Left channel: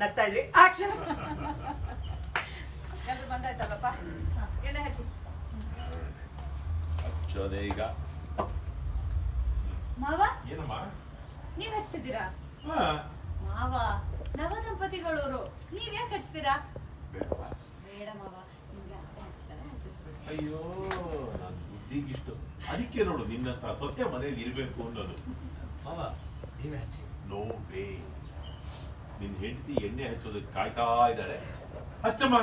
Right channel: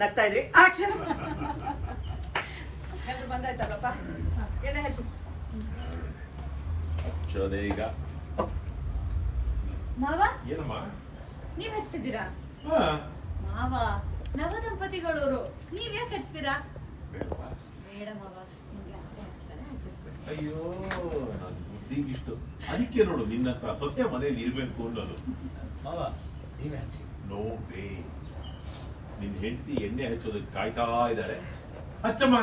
ನಗ್ತಾ ಇದ್ರಿ ಆಕ್ಷನ್ ಎಲ್ಲರೂ ಬಂದಾಯ್ತಲ್ಲಪ್ಪ ಎಣ್ಣೆ ಹಚ್ಚಿ ಹಚ್ಚೋದೆ ಈಗ. ಮಾವ ಏನಮ್ಮ? ನೀವ್ ಹಚ್ತಿದ್ದೀರಾ? ಹಾ. ಮಾವ ನವ ದಂಪತಿಗಳವರು ನೀವ್ ಯಾಕೆ ಹಚ್ತೀರಾ? ಬೇಡ ಮಾವ, ನಿಮ್ಗೆ ಅತ್ತೆ ಹಚ್ತಾರೆ, ಹಚ್ಚಿಸ್ಬಿಡಿ. ಅಯ್ಯೋ ನನ್ ಬುದ್ಧಿಗಿಷ್ಟು. ಅದಕ್ಕೆ ನೋಡು ನಿನ್ನ ಹತ್ರ ಸೊಸೆ ಮನೇಲಿ ಇರ್ಬೇಕು ಅನ್ನೋದು. ಮಾವ ನೀವೇ ಹಚ್ಚಿ. No way. ನಿನ್ ಹೆಂಡತಿ ಎಣ್ಣೆ ಹಚ್ಚೋದಕ್ಕೆ ಕಾಯ್ತಾ ಇದ್ದಾಳೆ. ಹಚ್ಚಮ್ಮ.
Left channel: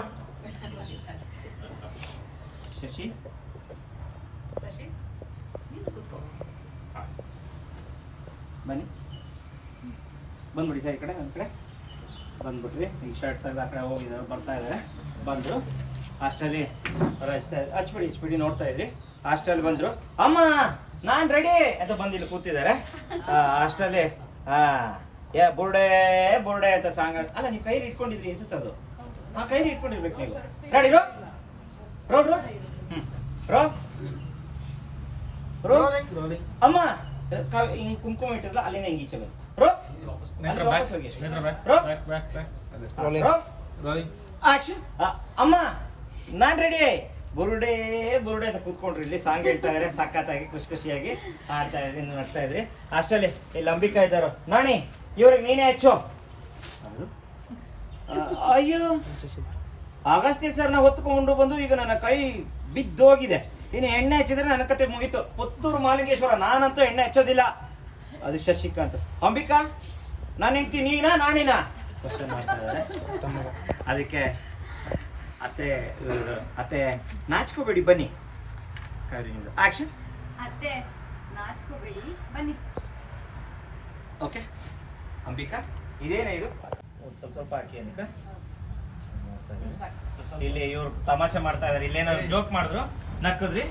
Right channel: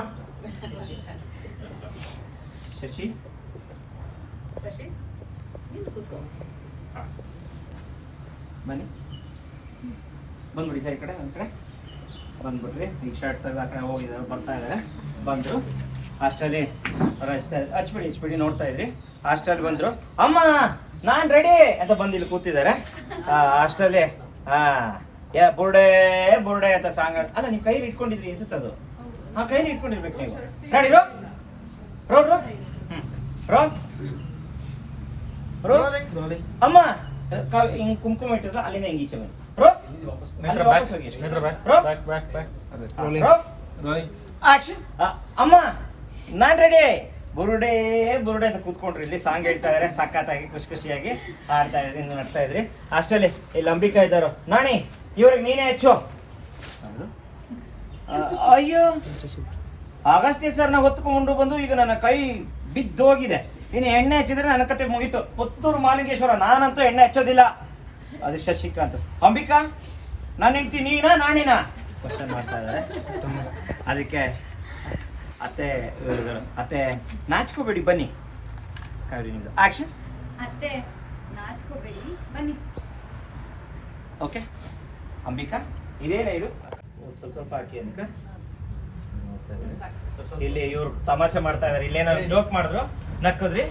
ಶಶಿ ಶಶಿ ನೀನು ಕೂತ್ಕೋ. ಬನ್ನಿ ಬಂದ್ಬಿಡಿ ಸರ್, ಈ ಕಡೆ ನಮ್ಮ ಕಡೆ ಬಂದ್ಬಿಟ್ರಿ. ನಿಮ್ಮ ಶರ್ಟ್ ಎಲ್ಲ ಹೋಗಿದ್ದಾರೆ, ಬರ್ತಾ ಇದ್ದಾರೆ. ಬಂದರು ಹಾಸ್ಟೆಲ್ಲಿ ಹಚ್ಬಿಡಿ ನೋಡ್ತಾ ಇದ್ರಿ. ಹಾಸ್ಟೆಲ್ ಬಂದರು, ಅಮ್ಮ ನಾನ್ ರೆಡಿ ಅಂತ ಬಂದು ಇಲ್ಲಿ ಕೂತಿದ್ದಾರೆ ಹಾಸ್ಟೆಲ್ಲಿ. ಯಾ ಬುರ್ಡೆ ಬುರ್ಡೆ ಅಂತ ಸಾಂಗ್ ಅಲ್ಲ, ನೀವು ಕೈಲಿ ಇಟ್ಕೊಂಡಿದ್ರಿ ಅನ್ಸುತ್ತೆ ಅದು. ಕೈಲಿ ಇಟ್ಕೊಂಡಿರ್ಬೇಕು ನೀವು. ರೆಡಿ ರೋ ರೋ ರೋ ರೋ ರೋ ಅಮ್ಮ ಹಿಂಗ್ ಕುಂಕುಮ ಇಟ್ಟಿರಲ್ಲ ಅಲ್ಲಿಂದ ಹೆಂಗ್ ಈಚೆ ಬನ್ನಿ. ರೋ ಅಲ್ಲಿ ವಾಪಸ್ ಹೋಗಿ ರೋ ಆಕ್ಷನ್. ಅಮ್ಮ ನಾನ್ ರೆಡಿ. ಬುರುಡೆ ಬುರುಡೆ ಅಂತ ಕೂತ್ಕೊಂಡ್ರಿ ಇಲ್ಲಿ ಸಾಂಗ್ ಹೇಳ್ತಾ ಇದಾರೆ. ಸಖತ್ತಾಗಿ ಖುಷಿ ಖುಷಿಯಾಗಿ ಆಡ್ತಾ ಇದ್ರಿ, ನಡ್ತಾ ಇದ್ರಿ. ಅಷ್ಟರಲ್ಲಿ ಇಲ್ಲಿ ಅಂಬಿಕಾ ಇದ್ದಾರ. ನಾಣಿ ಇವ್ರಿಗೆ ನೀನೇ ಹಚ್ಚು. ಅಯ್ಯೋ ಅಗಸ್ತ್ಯ ಸರ್ ನ ಹೊತ್ಕೊಂಡು ಬಂದು ಈಗ ನನ್ನ ಕೈ ಬಿದ್ದೋಗಿದೆ. ಇನ್ನು ಎಣ್ಣೆ ಹಚ್ಚಿದ್ರೆ ನನ್ನ ಕತೆ ಮುಗೀತು. ಪುತ್ತೂರು ಮಾಲಿಂಗೇಶ್ವರ, ನಾನಂತೂ ಎಣ್ಣೆ ಹಚ್ಚೋದಿಲ್ಲ. ಅದು ಶಶಿಕಾಂತ್. ಅಂಬಿಕಾ ನಾನು ಹೆಂಡ್ತಿ ನೀನಾ ನಾಣಿನಾ ಕ್ವಶನ್ ಮಾಡ್ತಾ ಇದ್ದಾರೆ. ಅದಕ್ಕೆ ಅತ್ತೆ ನಾಚ್ಕೋಬೇಡಿ, ಬನ್ನಿ. ಆಕ್ಷನ್. ಅತ್ತೆ ನಾಚ್ಕೋಬೇಡಿ, ಬನ್ನಿ. ಓಕೆ ಅಂಬಿಕಾ ಇದೇನೇ ಇದು ಸ್ವಲ್ಪ ಹಾಕಿ ಅಂಬಿಕಾ. ಇಲ್ಲಿ ಇವ್ರು ತಮಾಷೆ ಮಾಡ್ತಾ ಇದಾರೆ. ಇಲ್ಲೇನಾದ್ರು ಜೋಕ್ ಮಾಡಿದ್ರು ನಕ್ಕದ್ರಿ.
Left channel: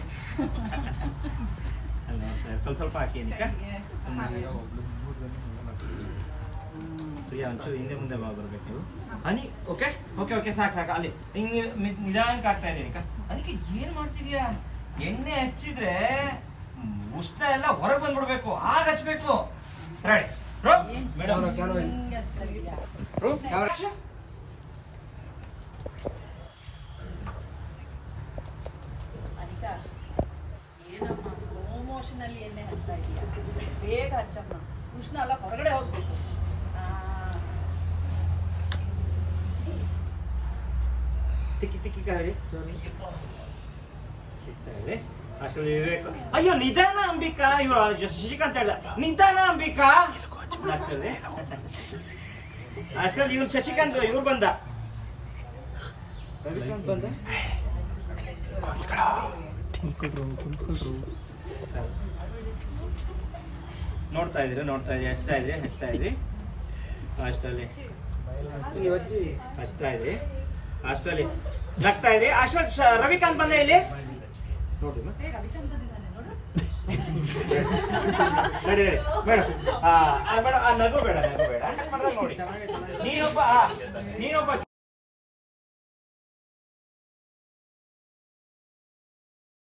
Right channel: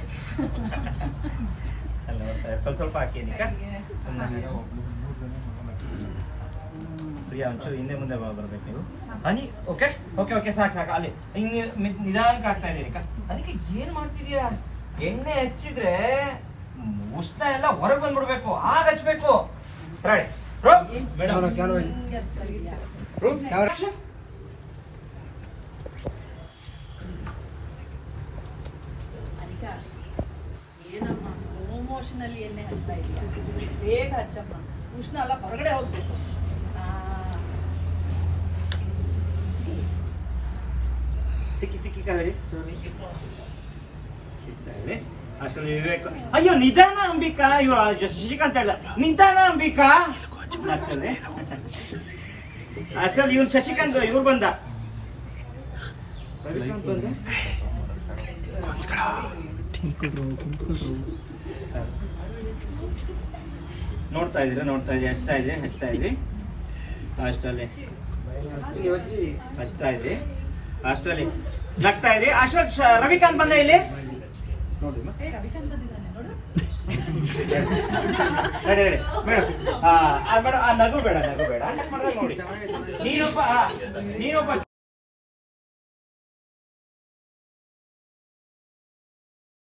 ಸ್ವಲ್ಪ ಹಾಕಿ ಅಂಬಿಕಾ. ಒಂಚೂರು ಹಿಂದೆ ಮುಂದೆ ಬರ್ಬೇಕು ನೀವು. ಅನಿ ಓಕೆ ಓಕೆ ಓಕೆ ಸಾಕು ಅಲ್ಲಿ ಹಿಂಗೆ ನಿಧಾನಕ್ಕೆ ಆಗ್ತಾ ಇದೆ. ಅದಕ್ಕೆ ಏನ್ ಮಾಡ್ತಿದ್ಯಾ? ಎಣ್ಣೆ ಹಚ್ಚಿದ್ರೆ ಉಷ್ಣ ಎಲ್ಲ ಹೊರಗೆ ಬಂದ್ಬಿಡ್ಬೇಕು, ಆಗ ಹಚ್ಬೇಕು. ರೈಟ್ ಅನಿಕಾ ಏನಮ್ಮ ಸ್ಲೋ ಮೋಷನ್ ಅಲ್ಲಿ ಎಣ್ಣೆ ಹಚ್ತಾ ಇದೀಯಾ? ಬೇಗ ಹಚ್ಚಮ್ಮ, ಉಷ್ಣ ಎಲ್ಲ ಹೊರಗಡೆ ಹೋಗ್ಬೇಕು. ಅಯ್ಯೋ ನಿಧಾನ ಅಂಬಿಕಾ. ಇವ ಶಶಿಕಾಂತ್ ಹೇಳ ನಿಧಾನ ಅಂಬಿಕಾ ಆಗ್ತದೆ. ಅಸಲ್ ಇವನ್ ಶಶಿಕಾಂತ್ ಇವ್ರು ಬಂದ ನೋಡ್ತಾ ಇದ್ರಿ ಹಚ್ತಾ ಇದ್ರಿ ಹಾಸ್ಟೆಲ್ಲಿ ಹಚ್ತಾ ಇದ್ರಿ. ಹಾಸ್ಟೆಲ್ಲಿ ನಗ್ತಾ ಇದ್ರಿ. ಅಷ್ಟೊತ್ತು ರವಿಕಾಂತ್ ಬಂದ ಇಲ್ಲಿ ನೋಡಿ. ಬೇಡ ಬೇಡ, ನಗು ಬೇಡ ನೋಡಿ. ನೀನೊಬ್ಬ